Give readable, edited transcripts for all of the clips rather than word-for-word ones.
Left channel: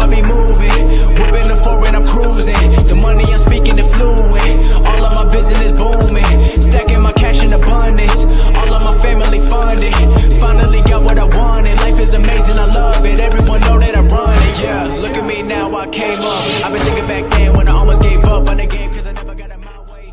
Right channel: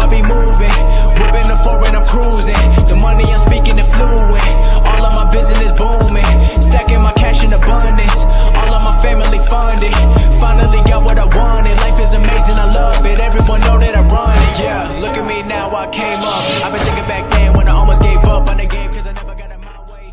I be moving, whipping the foreign, I'm cruising. The money I'm speaking is fluent. All of my business booming, stacking my cash in abundance. All of my family funded. Finally got what I wanted. Life is amazing, I love it. Everyone know that I run it. Yeah, look at me now, I came up. I've been thinking back then when I almost gave up on the game, cause I never got in my way.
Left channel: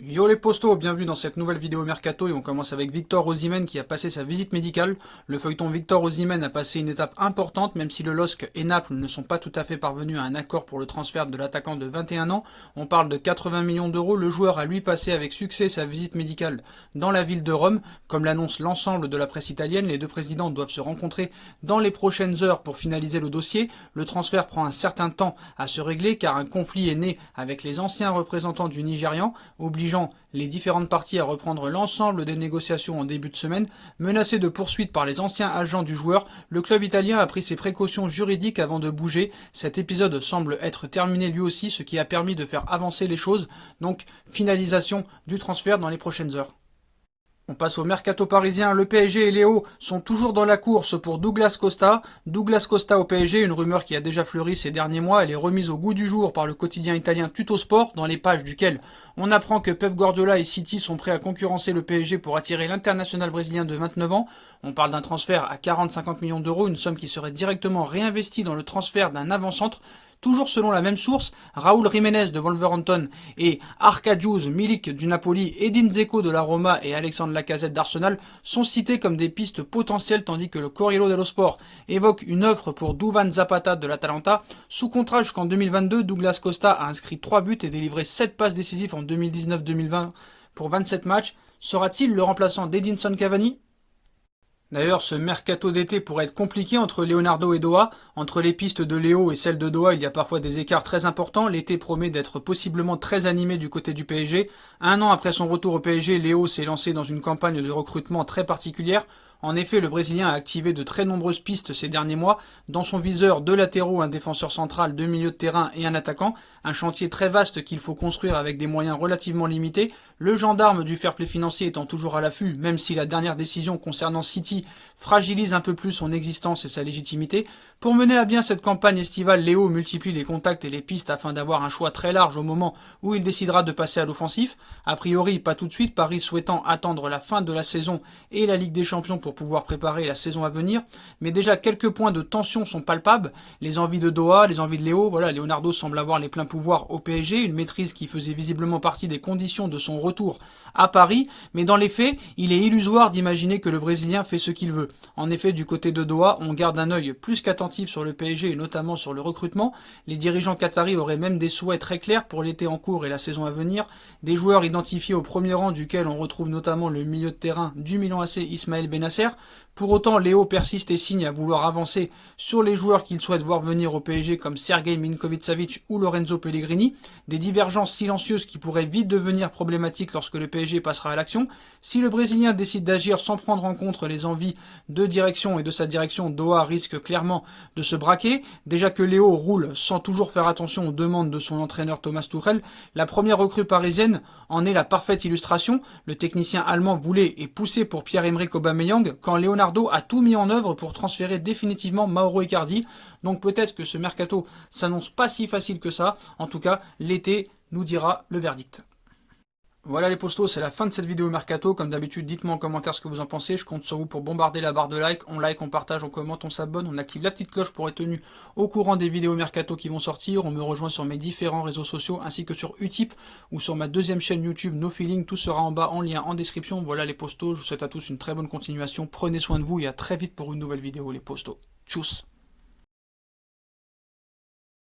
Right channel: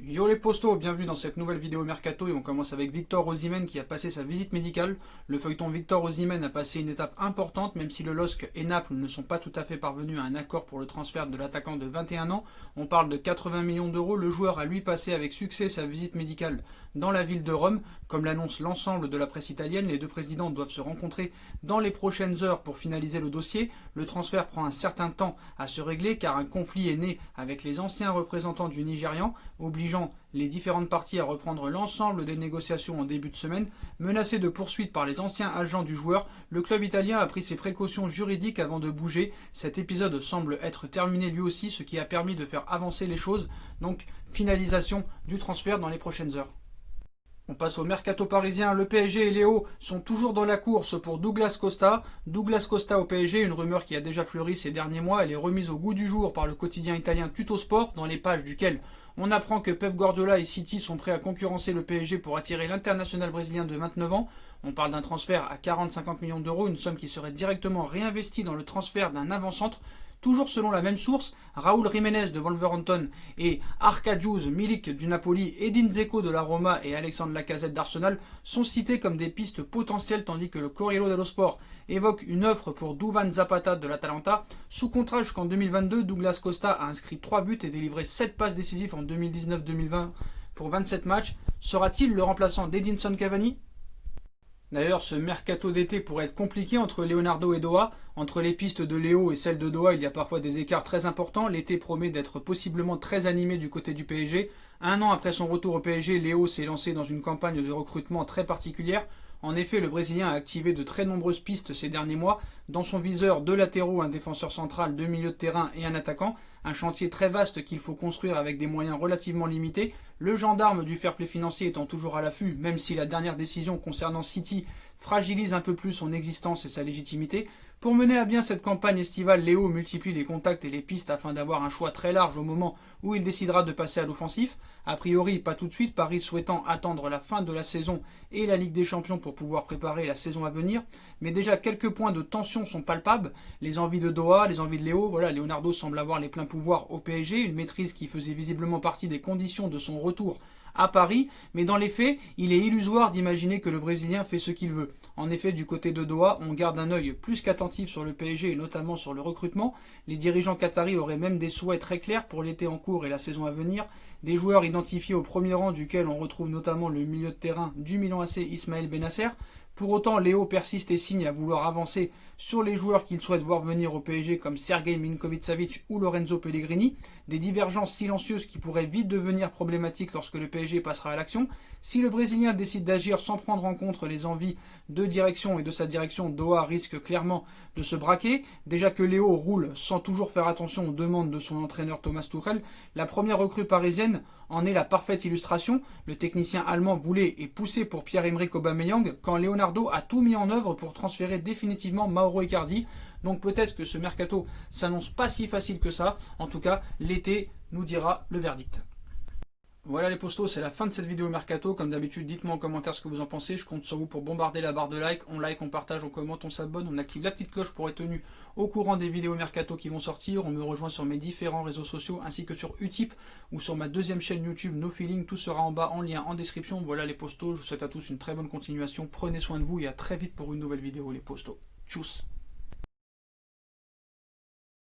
Yo les postos, bienvenue dans cette nouvelle vidéo Mercato et on commence avec Victor Osimhen qui a passé sa visite médicale. Le feuilleton Victor Osimhen a passé une étape importante même si le LOSC et Naples ne sont pas tout à fait parvenus à un accord pour le transfert de l'attaquant de 21 ans. On parle de 80 millions d'euros, le joueur a lui passé avec succès sa visite médicale dans la ville de Rome. Comme l'annonce l'ensemble de la presse italienne, les deux présidents doivent se rencontrer dans les prochaines heures pour finaliser le dossier. Le transfert prend un certain temps à se régler car un conflit est né avec les anciens représentants du Nigérian, obligeant les différentes parties à reprendre l'ensemble des négociations en début de semaine. Menacé de poursuites par les anciens agents du joueur, le club italien a pris ses précautions juridiques avant de bouger. Cet épisode semble être terminé lui aussi, ce qui a permis de faire avancer les choses. Donc, finalisation du transfert dans les prochaines heures. On passe au mercato parisien. Le PSG et Léo sont toujours dans la course pour Douglas Costa. Douglas Costa au PSG, une rumeur qui a déjà fleuri ces derniers mois. Elle est remise au goût du jour par le quotidien italien Tuttosport, dans les pages duquel on apprend que Pep Guardiola et City sont prêts à concurrencer le PSG pour attirer l'international brésilien de 29 ans. On parle d'un transfert à 40-50 millions d'euros, une somme qui serait directement réinvestie dans le transfert d'un avant-centre. Toujours selon la même source, Raúl Jiménez de Wolverhampton et Arkadiusz Milik du Napoli, Edin Dzeko de la Roma et Alexandre Lacazette d'Arsenal sont cités comme des pistes potentielles, tandis que le Corriere dello Sport évoque une offre pour Duvan Zapata de l'Atalanta. Sous contrat jusqu'en 2022, Douglas Costa a inscrit 3 buts et délivré 7 passes décisives en 2019-2020 pour 27 matchs. Sera-t-il le remplaçant d'Edinson Cavani ? D'ailleurs, ce mercato d'été pourrait être compliqué entre Leonardo et Doha. Entre les pistes de Léo et celles de Doha, il y a parfois des écarts très importants. L'été promet d'être possiblement très animé du côté du PSG. Un an après son retour au PSG, Léo s'est lancé dans une campagne de recrutement très particulière. En effet, le Brésilien a activé de très nombreuses pistes ces derniers mois. Dans son viseur, 2 latéraux, un défenseur central, 2 milieux de terrain et un attaquant. Un chantier très vaste qu'il faut construire avec des moyens relativement limités. Le gendarme du fair play financier étant toujours à l'affût, même si la dernière décision concernant City fragilise un peu plus son existence et sa légitimité. Pour mener à bien cette campagne estivale, Léo multiplie les contacts et les pistes afin d'avoir un choix très large au moment où il décidera de passer à l'offensif. A priori, pas tout de suite, Paris souhaitant attendre la fin de la saison et la Ligue des Champions pour pouvoir préparer la saison à venir. Mais déjà, quelques points de tension sont palpables. Les envies de Doha, les envies de Léo. Voilà, Leonardo semble avoir les pleins pouvoirs au PSG, une maîtrise qui faisait visiblement partie des conditions de son retour à Paris, mais dans les faits, il est illusoire d'imaginer que le Brésilien fait ce qu'il veut. En effet, du côté de Doha, on garde un œil plus qu'attentif sur le PSG et notamment sur le recrutement. Les dirigeants qataris auraient même des souhaits très clairs pour l'été en cours et la saison à venir. Des joueurs identifiés au premier rang duquel on retrouve notamment le milieu de terrain du Milan AC Ismaël Bennacer. Pour autant, Léo persiste et signe à vouloir avancer sur les joueurs qu'il souhaite voir venir au PSG comme Sergej Milinkovic-Savic ou Lorenzo Pellegrini. Des divergences silencieuses qui pourraient vite devenir problématiques lorsque le PSG passera à l'action. Si le Brésilien décide d'agir sans prendre en compte les envies de direction et de sa direction, Doha risque clairement de se braquer. Déjà que Léo roule sans toujours faire attention aux demandes de son entraîneur Thomas Tuchel, la première recrue parisienne en est la parfaite illustration. Le technicien allemand voulait et poussait pour Pierre-Emerick Aubameyang quand Leonardo a tout mis en œuvre pour transférer définitivement Mauro Icardi. Donc peut-être que ce mercato s'annonce pas si facile que ça. En tout cas, l'été nous dira le verdict. Voilà les postos, c'est la fin de cette vidéo Mercato. Comme d'habitude, dites-moi en commentaire ce que vous en pensez. Je compte sur vous pour bombarder la barre de like. On like, on partage, on commente, on s'abonne, on active la petite cloche pour être tenu au courant des vidéos Mercato qui vont sortir. On me rejoint sur mes différents réseaux sociaux ainsi que sur Utip ou sur ma deuxième chaîne YouTube No Feeling. Tout sera en bas en lien en description. Voilà les postos, je vous souhaite à tous une très bonne continuation. Prenez soin de vous et à très vite pour une nouvelle vidéo les postos. Tchuss.